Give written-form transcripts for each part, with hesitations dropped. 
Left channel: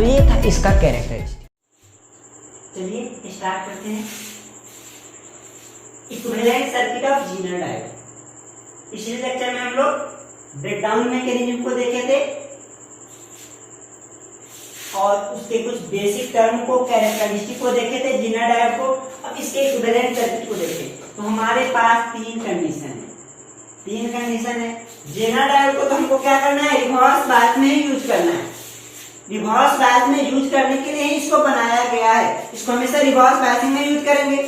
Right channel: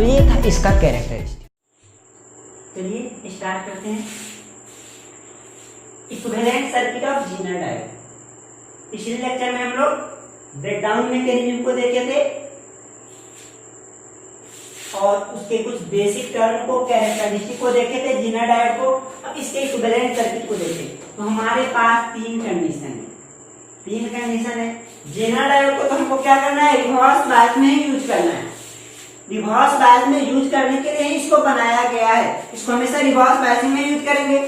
तो ये था इसका कैरेक्टरिस्टिक। चलिए स्टार्ट करते हैं। Equivalent circuit of Zener diode. पिछले लेक्चर में हम लोग ब्रेकडाउन मैकेनिज्म को देखे थे और उसके कुछ बेसिक टर्म को, कैरेक्टरिस्टिक को देखे थे जीनर डायोड को। अब इसके इक्विवेलेंट सर्किट को देखें तो हमारे पास तीन कंडीशन है। जीनर डायोड को तो हमको क्या करना है, रिवर्स बायस में ही यूज करना है। रिवर्स बायस में यूज करने के लिए इसको बनाया गया है। इसको हमेशा रिवर्स बायसिंग में यूज करेंगे।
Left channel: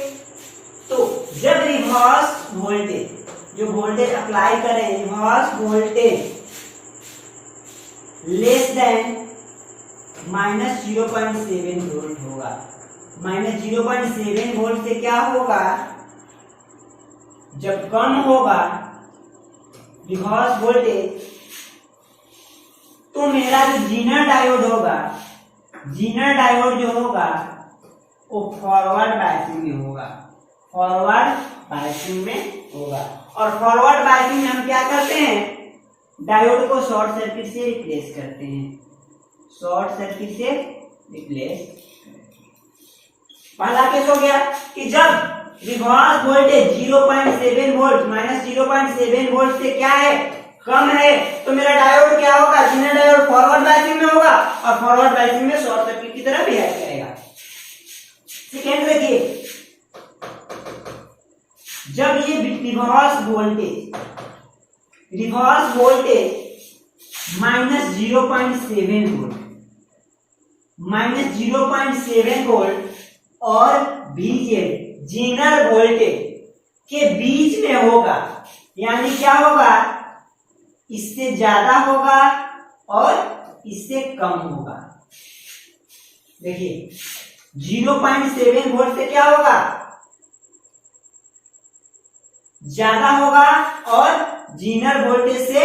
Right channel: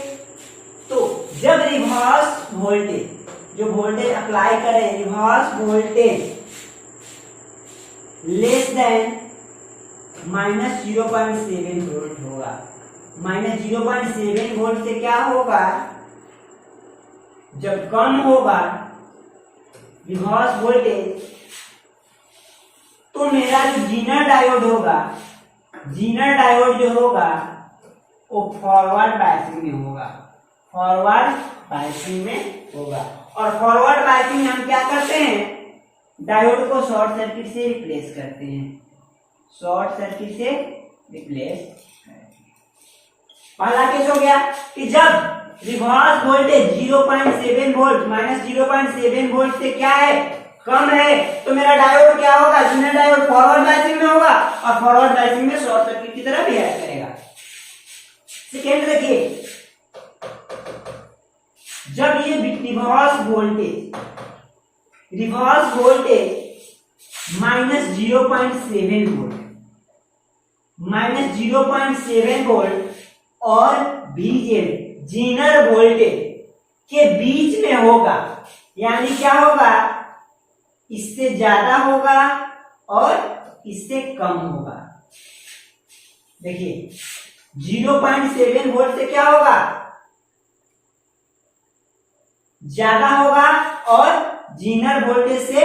तो जब रिवर्स वोल्टेज, जो वोल्टेज अप्लाई करें, reverse voltage less than -0.7 volt होगा। -0.7 वोल्ट से क्या होगा, जब कम होगा रिवर्स वोल्टेज, तो मेरा जो जीनर डायोड होगा, जीनर डायोड जो होगा वो फॉरवर्ड बायसिंग में होगा। फॉरवर्ड बायसिंग में होगा। और फॉरवर्ड बायसिंग में हम क्या करते हैं, डायोड को शॉर्ट सर्किट से रिप्लेस करते हैं। शॉर्ट सर्किट से रिप्लेस करते हैं। पहला केस हो गया कि जब रिवर्स वोल्टेज 0.7 वोल्ट -0.7 वोल्ट से क्या है, कम है, तो मेरा डायोड क्या होगा, जीनर डायोड फॉरवर्ड बायसिंग में होगा और फॉरवर्ड बायसिंग में शॉर्ट सर्किट की तरह बिहेव करेगा। सेकेंड देखिए, जब ये रिवर्स वोल्टेज -0.7 वोल्ट -0.7 वोल्ट और VZ जीनर वोल्टेज के बीच में होगा, यानी क्या होगा, इससे ज्यादा होगा और इससे कम होगा। देखिए 0.7 वोल्ट से क्या होगा, ज्यादा होगा और जीनर वोल्टेज से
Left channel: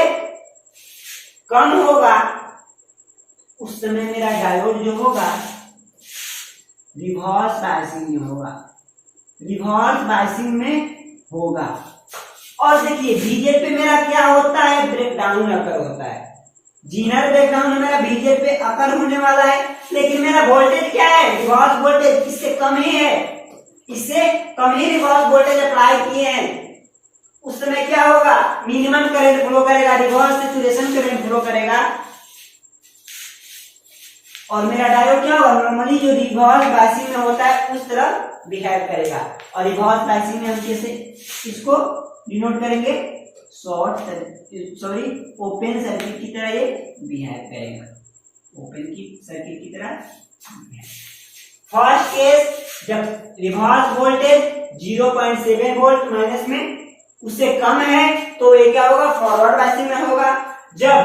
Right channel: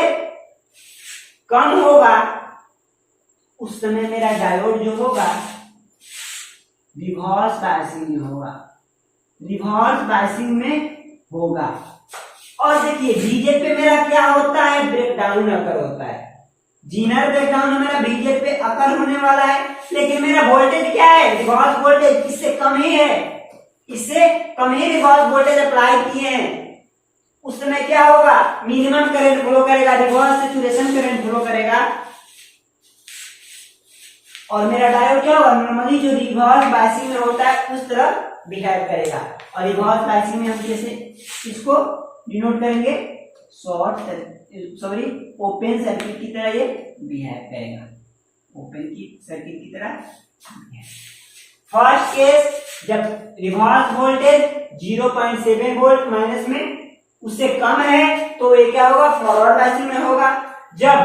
कम होगा। उस समय मेरा डायोड जो होगा रिवर्स बायसिंग में होगा, रिवर्स बायसिंग में होगा। और देखिए VZ पे मेरा क्या होता है, ब्रेकडाउन अकर होता है। जीनर ब्रेकडाउन में मेरा VZ पे अकर होने वाला है, लेकिन मेरा वोल्टेज क्या है, रिवर्स वोल्टेज इससे कम ही है, इससे कम ही रिवर्स वोल्टेज अप्लाई किए हैं। उस समय क्या होगा, मिनिमम करंट फ्लो करेगा, रिवर्स सैचुरेशन करंट फ्लो करेगा। और मेरा डायोड क्या होगा, नॉर्मली जो रिवर्स बायसिंग में होता है उस तरह बिहेव करेगा। और रिवर्स बायसिंग में हम कैसे इसको डिनोट करेंगे, ओपन सर्किट की तरह ये बिहेव करेगा, ओपन की सर्किट की तरह। फर्स्ट केस, जब रिवर्स वोल्टेज 0.7 वोल्ट माइनस में उससे कम है तो ये क्या होगा, फॉरवर्ड बायसिंग में होगा। जब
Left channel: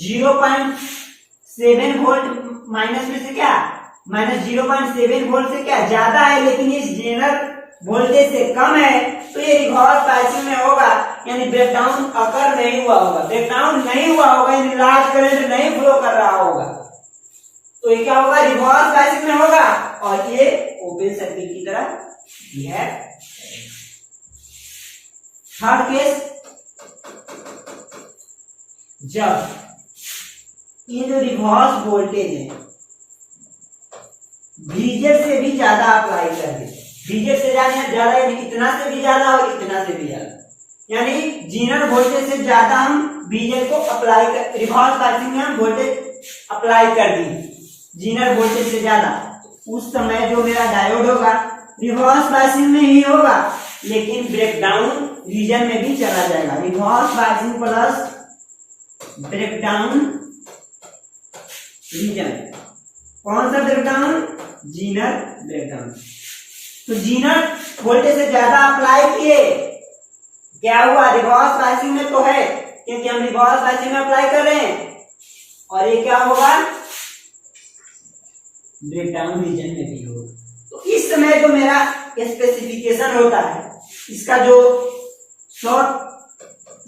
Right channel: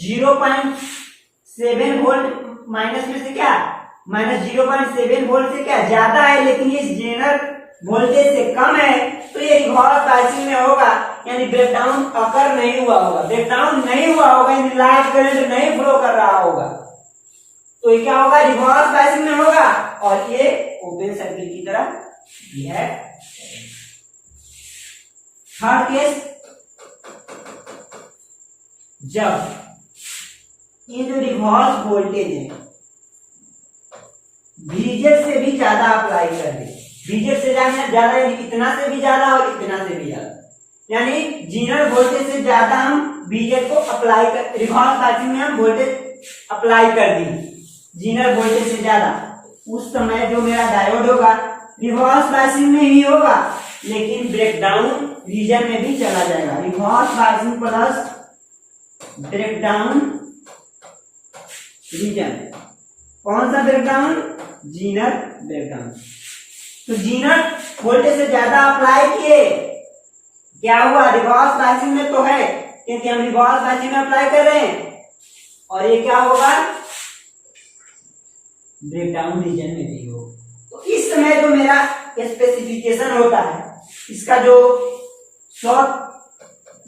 0.7 वोल्ट माइनस में से क्या, -0.7 वोल्ट से क्या ज्यादा है, लेकिन ये जीनर वोल्टेज से कम है, तो ये रिवर्स बायसिंग में होगा, यानी ब्रेकडाउन अकर नहीं हुआ होगा। ब्रेकडाउन नहीं हुआ होगा यानी लार्ज करंट नहीं फ्लो कर रहा होगा, तो ये क्या होगा, रिवर्स बायसिंग में होगा और ये ओपन सर्किट की तरह बिहेव करेगा। थर्ड केस, जब ये जो रिवर्स वोल्टेज है VZ से भी ज्यादा अप्लाई कर दे, VZ से ज्यादा यानी इतना से भी ज्यादा और इतना से भी ज्यादा, यानी जीनर वोल्टेज से ज्यादा हम VZ को अप्लाई कर, रिवर्स बायसिंग में हम वोल्टेज अप्लाई कर दी जीनर वोल्टेज से ज्यादा, उस समय जो मेरा डायोड होगा रिवर्स बायसिंग में ही होगा, लेकिन ब्रेकडाउन रीजन में भी चला जाएगा। Reverse biasing plus breakdown region. कौन सा ब्रेकडाउन, जीनर ब्रेकडाउन। तो जीनर वोल्टेज से ज्यादा अप्लाई किए, क्या हुआ, रिवर्स बायसिंग में तो है क्योंकि हम रिवर्स बायसिंग में अप्लाई कर रहे हैं, और ये क्या होगा, ब्रेकडाउन रीजन में भी होगा। तो इस समय जो मेरा स्पेसिफिकेशन होता है, इसका जो शॉर्ट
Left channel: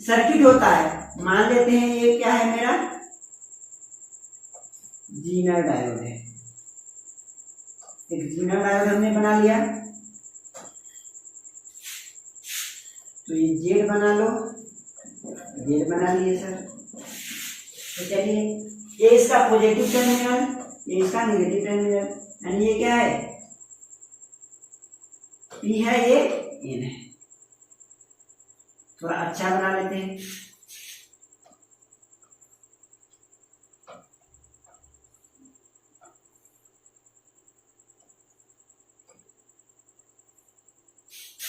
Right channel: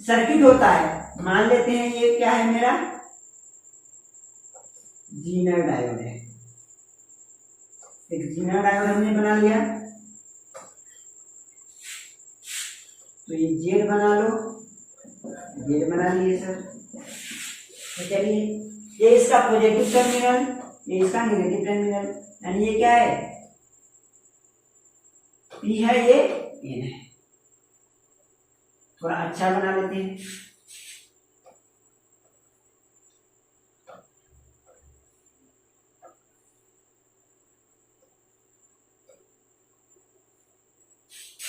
सर्किट होता है, मान लेते हैं ये क्या है, मेरा जीनर डायोड है। एक जीनर डायोड हमने बना लिया, तो ये जेड बना लो, जेड बना लिए सर। तो चलिए ये इसका पॉजिटिव टर्मिनल ये इसका नेगेटिव टर्मिनल, यानी ये क्या है, पी है, ये एन है। थोड़ा अच्छा बना लेते हैं।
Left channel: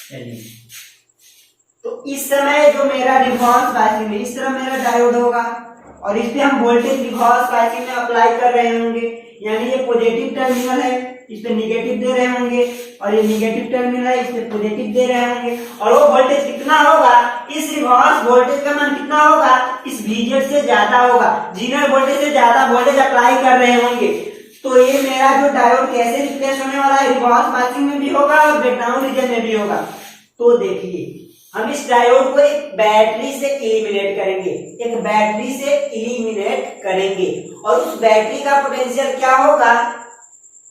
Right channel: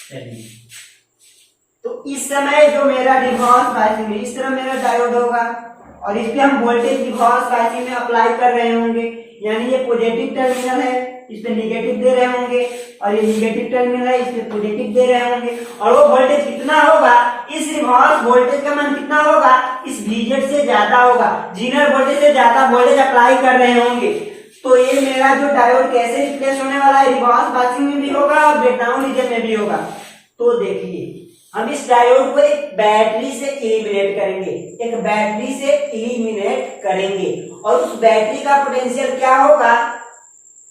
चलिए, तो इस समय जो मेरा रिवर्स बायसिंग में इस तरह मेरा डायोड होगा और इस पे हम वोल्टेज रिवर्स बायसिंग में अप्लाई कर रहे होंगे, यानी ये पॉजिटिव टर्मिनल है, इस पे निगेटिव दे रहे होंगे, और ये निगेटिव टर्मिनल है, इस पे पॉजिटिव दे रहे होंगे, और वो वोल्टेज कितना होगा, इस रिवर्स वोल्टेज का मान कितना होगा, इस VZ से ज्यादा होगा, जीनर वोल्टेज से ज्यादा वोल्टेज अप्लाई कर रहे होंगे। तो ये मेरा जो डायोड कैसे रिप्लेस होने वाला है, रिवर्स बायसिंग में भी होगा और ब्रेकडाउन रीजन में भी होगा। तो देखिए, हम इस डायोड को एक बैटरी से एलिमिनेट करेंगे, एक बैटरी से एलिमिनेट करेंगे, और उस बैटरी का पोटेंशियल क्या होगा,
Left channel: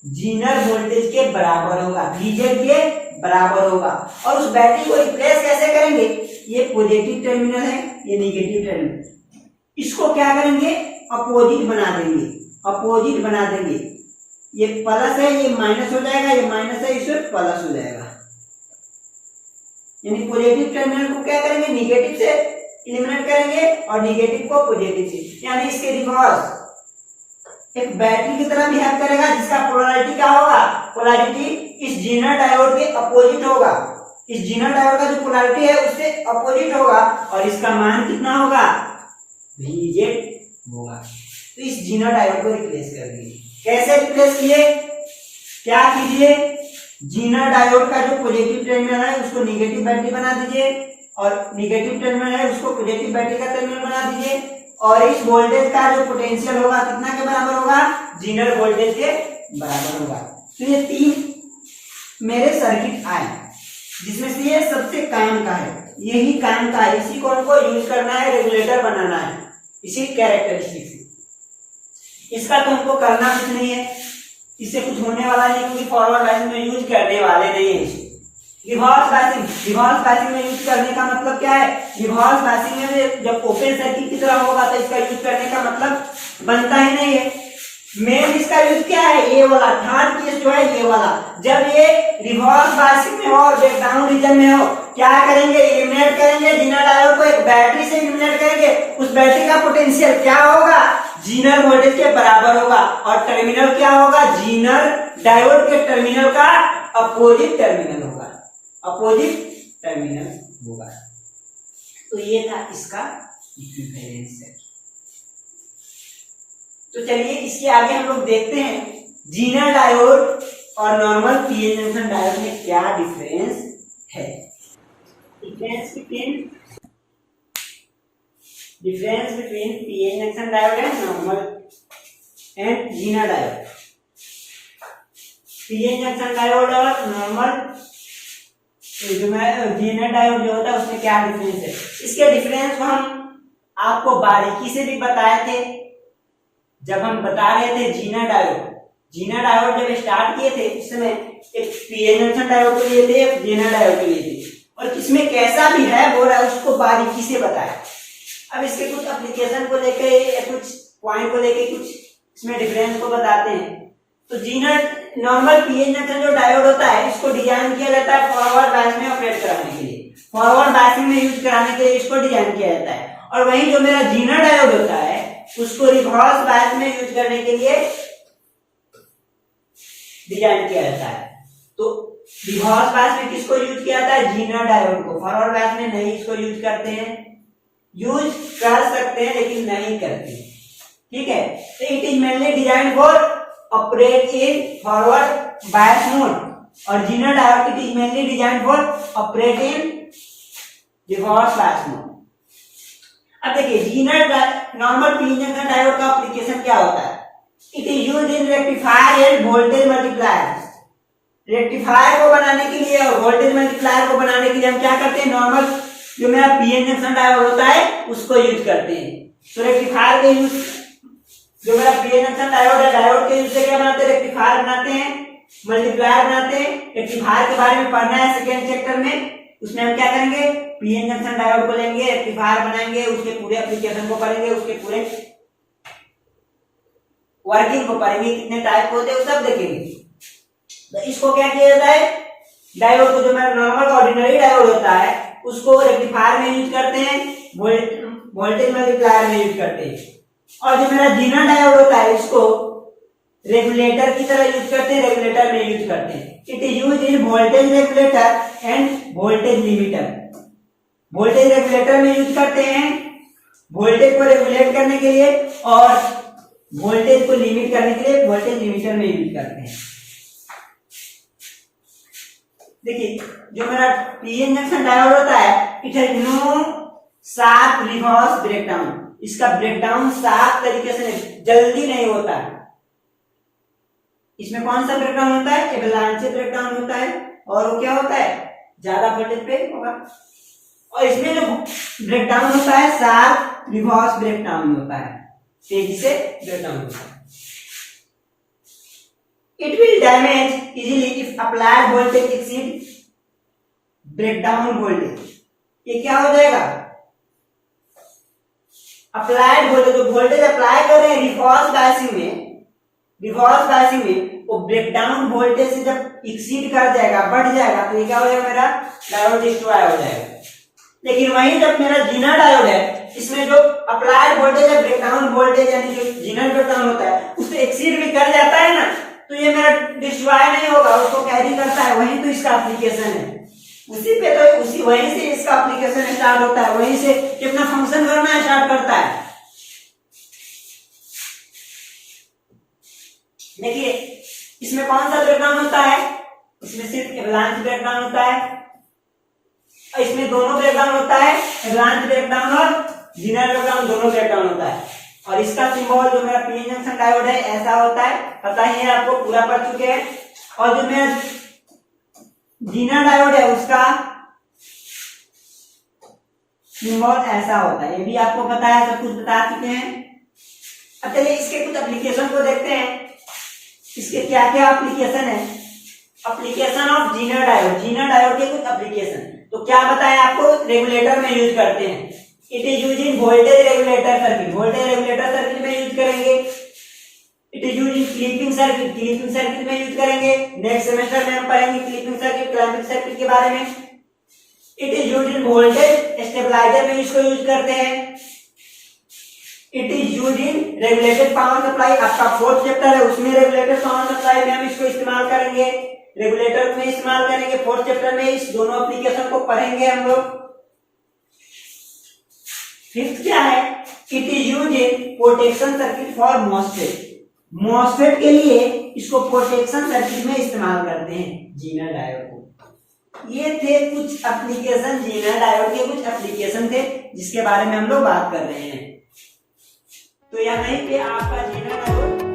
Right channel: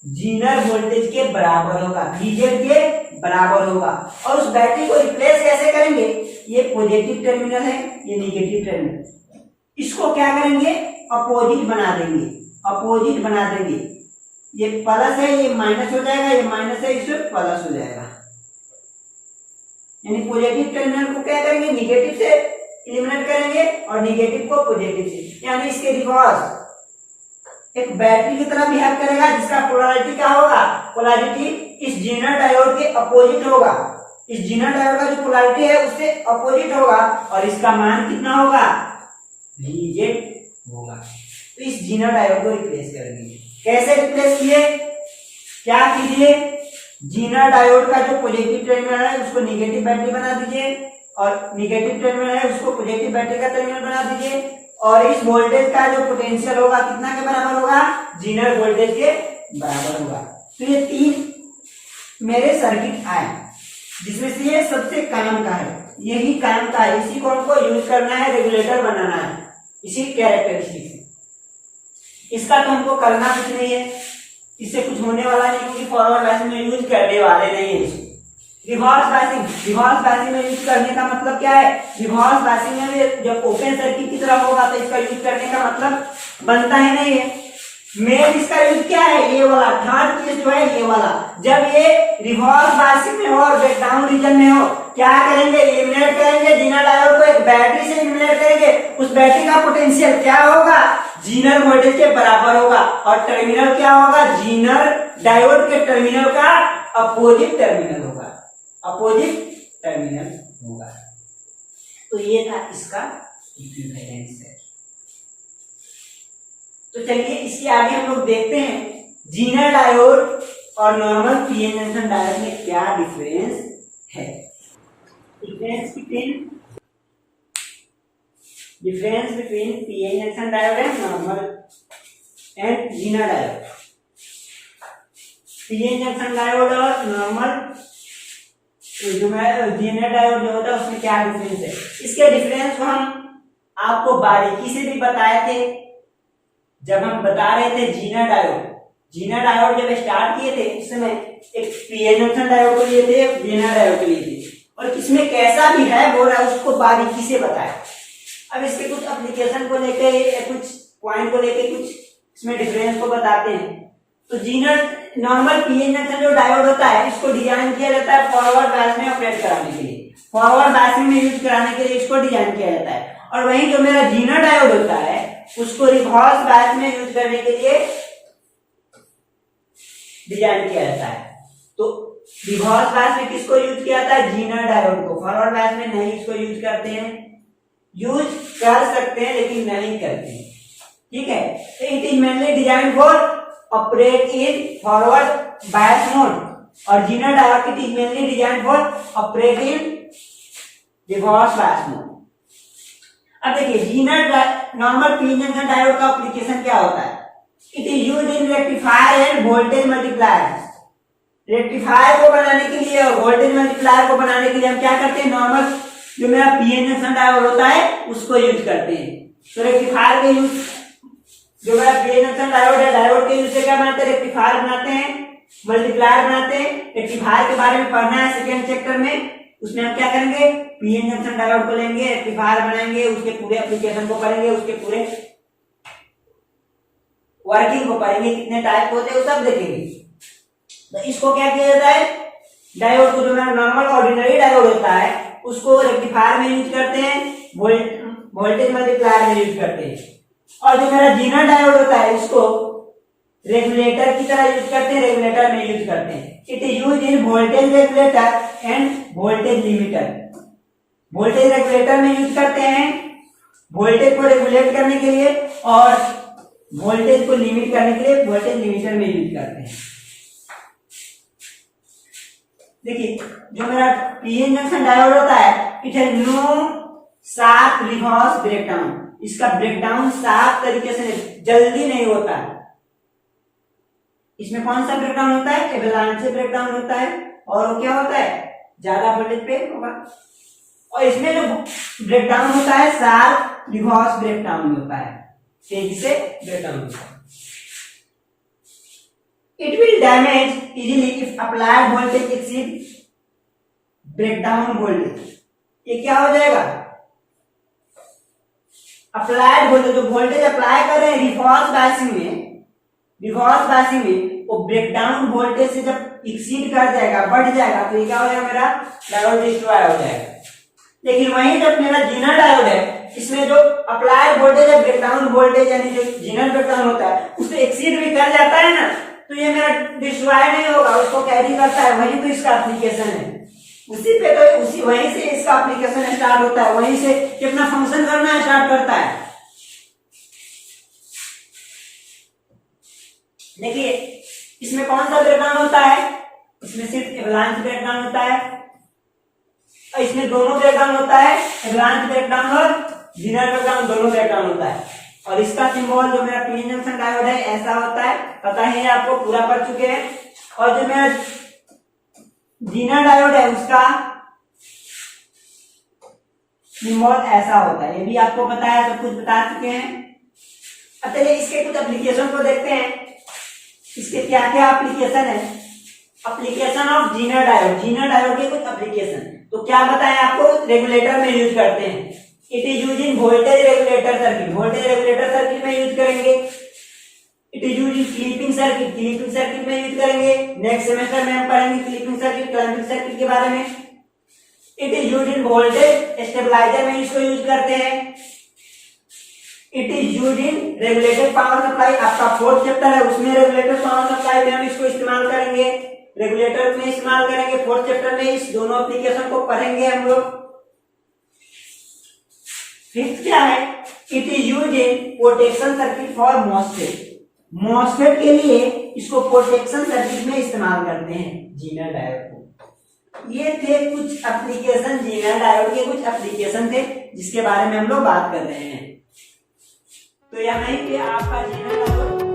जीनर वोल्टेज के बराबर होगा, VZ के बराबर होगा। और उस बैटरी को रिप्लेस कैसे करेंगे, ये पॉजिटिव टर्मिनल है, ये निगेटिव टर्मिनल, इसको क्या करेंगे, अपोजिट बना देंगे, अपोजिट बना देंगे। ये प्लस है, ये माइनस हो जाएगा, ये माइनस है, इसमें प्लस हो जाएगा। यानी पॉजिटिव टर्मिनल को क्या करेंगे, निगेटिव से एलिमिनेट करेंगे और निगेटिव को पॉजिटिव से, यानी इसके रिवर्स एक बैटरी की तरह बिहेव करेगा, जिसका पोलैरिटी क्या होगा, पोलैरिटी इस जीनर डायोड के अपोजिट होगा, इस जीनर डायोड का जो पोलैरिटी है उससे अपोजिट होगा, और इसका मान कितना होगा, VZ होगा। तो इस जीनर डायोड को रिप्लेस करेंगे। कैसे रिप्लेस किए, क्या कीजिए, जीनर डायोड का जो पॉजिटिव टर्मिनल है उसको निगेटिव बैटरी बना दीजिए, और निगेटिव टर्मिनल है उसको पॉजिटिव बैटरी का टर्मिनल बना दीजिए, और इस वोल्टेज का जो पोटेंशियल होगा कितना के बराबर होगा, जीनर वोल्टेज के बराबर होगा। तो ये तीन मेरे सर्किट आए, जिसमें से ये सबसे काम का है, यही काम का है, इसी को हमको यूज करना है, रेगुलेटर बनाना है, इसी कैरेक्टरिस्टिक से। इसका तो हमको करना कुछ नहीं है, इससे कुछ होने वाला नहीं, क्योंकि फॉरवर्ड बायसिंग में यूज करने वाले नहीं है इसको। रिवर्स बायसिंग में यूज करने का मतलब क्या है, रिवर्स बायसिंग में जब ओपन सर्किट की तरह होगा तो इसका यूज करने का मतलब बनता ही नहीं है। मेन इसका यूज क्या है, ये वाला थर्ड केस जो है, ये वाला, जब ये रिवर्स बायसिंग में हो और ब्रेकडाउन रीजन में हो, क्या करेंगे, एलिमिनेट करेंगे जीनर डायोड को, एक बैटरी से एलिमिनेट करेंगे, उस बैटरी का पोटेंशियल क्या होगा, जीनर वोल्टेज के बराबर होगा, और टर्मिनल क्या होगा, जीनर डायोड के टर्मिनल का अपोजिट टर्मिनल होगा, अपोजिट टर्मिनल होगा। तो ये था इसका इक्विवेलेंस सर्किट। तो चलिए इसके आगे हम लोग देखते हैं जीनर डायोड और नॉर्मल पीएन जंक्शन डायोड में क्या डिफरेंस है। Difference between PN junction diode and normal and Zener diode. PN junction diode और नॉर्मल जीनर डायोड जो होता है उसमें क्या डिफरेंस है, इसके डिफरेंस को हम आपको बारीकी से भी बताए थे जब हम बता रहे थे जीनर डायोड जब स्टार्ट किए थे उस समय एक पीएन जंक्शन डायोड को लिए थे, एक जीनर डायोड को लिए थे, और किसमें कैसा भी है हो रहा है उसको बारीकी से बताया। अब इसके कुछ एप्लीकेशन को लेकर या कुछ पॉइंट को लेकर कुछ इसमें डिफरेंस को बताते हैं। तो जीनर नॉर्मल पीएन जंक्शन जो डायोड होता है इसको डिजाइन किया जाता है फॉरवर्ड बायस में ऑपरेट कराने के लिए, फॉरवर्ड बायसिंग में यूज कराने के लिए इसको डिजाइन किया जाता है। और वहीं जो मेरा जीनर डायोड होता है उसको रिवर्स बायस में यूज करने के लिए डिजाइन किया जाता है। तो रिवर्स बायस में किसको यूज किया जाता है, जीनर डायोड को। फॉरवर्ड बायस में नहीं इसको यूज करते हैं, यूज कर सकते हैं लेकिन नहीं करते हैं, ठीक है। तो it is mainly design for operate in forward bias mode, और Zener diode it is mainly design for operate in reverse bias mode. अब देखिए Zener normal PN junction diode का एप्लीकेशन क्या होता है, it is used in rectifier and voltage multiplier. Rectifier को बनाने के लिए और वोल्टेज मल्टीप्लायर को बनाने के लिए हम क्या करते हैं, नॉर्मल जो मेरा पीएन जंक्शन डायोड होता है उसको यूज करते हैं। तो रेक्टिफायर के यूज जो मेरा पीएन जंक्शन डायोड है, डायोड के यूज से क्या बनाते हैं, रेक्टिफायर बनाते हैं, मल्टीप्लायर बनाते हैं। रेक्टिफायर के बारे में पढ़ना है सेकेंड चैप्टर में, उसमें हम क्या करेंगे, पीएन जंक्शन डायोड को लेंगे, रेक्टिफायर बनाएंगे, उसके पूरे एप्लीकेशन को करेंगे, उसके पूरे वर्किंग को पढ़ेंगे, कितने टाइप होते हैं वो सब देखेंगे। तो इसको क्या किया जाता है, डायोड को जो मेरा नॉर्मल ऑर्डिनरी डायोड होता है उसको रेक्टिफायर में यूज करते हैं, वोल्टेज मल्टीप्लायर में यूज करते हैं। और जो मेरा जीना डायोड होता है इसको रेगुलेटर की तरह यूज करते हैं, रेगुलेटर में यूज करते हैं। It is use in voltage regulator end voltage limiter. Voltage regulator में यूज करते हैं वोल्टेज को रेगुलेट करने के लिए, और वोल्टेज को लिमिट करने के लिए वोल्टेज लिमिटर में यूज करते हैं। देखिए जो मेरा पीएन जंक्शन डायोड होता है it has no sharp reverse breakdown. इसका ब्रेकडाउन शार्प तरीके से जल्दी नहीं होता है। इसमें कौन सा ब्रेकडाउन होता है, एवलांचे ब्रेकडाउन होता है, और वो क्या होता है ज्यादा वोल्टेज पे होगा। और इसमें जो ब्रेकडाउन होता है शार्प रिवर्स ब्रेकडाउन होता है, तेजी से ब्रेकडाउन होता है। It will damage easily if applied voltage exceed breakdown voltage। ये क्या हो जाएगा, अप्लाइड वोल्टेज, जो वोल्टेज अप्लाई कर रहे हैं रिवर्स बायसिंग में वो ब्रेकडाउन वोल्टेज से जब एक्सीड कर जाएगा, बढ़ जाएगा, तो ये क्या हो जाएगा, मेरा डायोड डिस्ट्रॉय हो जाएगा। लेकिन वहीं जब मेरा जीना डायोड है इसमें जो अप्लाइड वोल्टेज है ब्रेकडाउन वोल्टेज यानी जो जीना ब्रेकडाउन होता है उससे एक्सीड भी कर जाता है ना, तो ये मेरा डिस्ट्रॉय नहीं होगा, उसको कैरी करता है। वहीं तो इसका एप्लीकेशन है, उसी पे तो उसी वहीं से इसका एप्लीकेशन स्टार्ट होता है, वहीं से कितना फंक्शन करना स्टार्ट करता है। देखिए इसमें कौन सा ब्रेकडाउन होता है, इसमें सिर्फ एवलांच ब्रेकडाउन होता है, और इसमें दोनों ब्रेकडाउन होता है, एवलांच ब्रेकडाउन और जीनर ब्रेकडाउन दोनों ब्रेकडाउन होता है। और इसका सिंबल जो मेरा पीएन जंक्शन डायोड है ऐसा होता है, पता ही है आपको, पूरा पढ़ चुके हैं। और जो मेरा जीना डायोड है उसका सिंबल ऐसा होता है, ये भी आपको पता है, सब कुछ बता चुके हैं। अब चलिए इसके कुछ एप्लीकेशन को देखते हैं, इसके क्या क्या एप्लीकेशन है। Application of zener diode, zener diode के कुछ एप्लीकेशन। तो क्या बताया आपको, रेगुलेटर में यूज करते हैं। It is use in voltage regulator circuit, voltage regulator circuit में यूज करेंगे। It is use in clipping circuit, clipping circuit में यूज करेंगे। नेक्स्ट सेमेस्टर में हम पढ़ेंगे क्लिपिंग सर्किट, क्लैंपिंग सर्किट के बारे में। It is use in voltage stabiliser में इसको यूज करते हैं। It is use in regulated power supply, आपका फोर्थ चैप्टर है उसमें रेगुलेटेड पावर सप्लाई में हम इसको इस्तेमाल करेंगे, रेगुलेटर में इस्तेमाल करेंगे। फोर्थ चैप्टर में इस दोनों एप्लीकेशन को पढ़ेंगे हम लोग। फिफ्थ क्या है, it is use in protection circuit for MOSFET, MOSFET के लिए इसको प्रोटेक्शन सर्किट में इस्तेमाल करते हैं जीना डायोड को। ये थे कुछ एप्लीकेशन, जीना डायोड के कुछ एप्लीकेशन थे जिसके बारे में हम लोग बात कर रहे हैं। तो यहाँ पे आपका जीना डायोड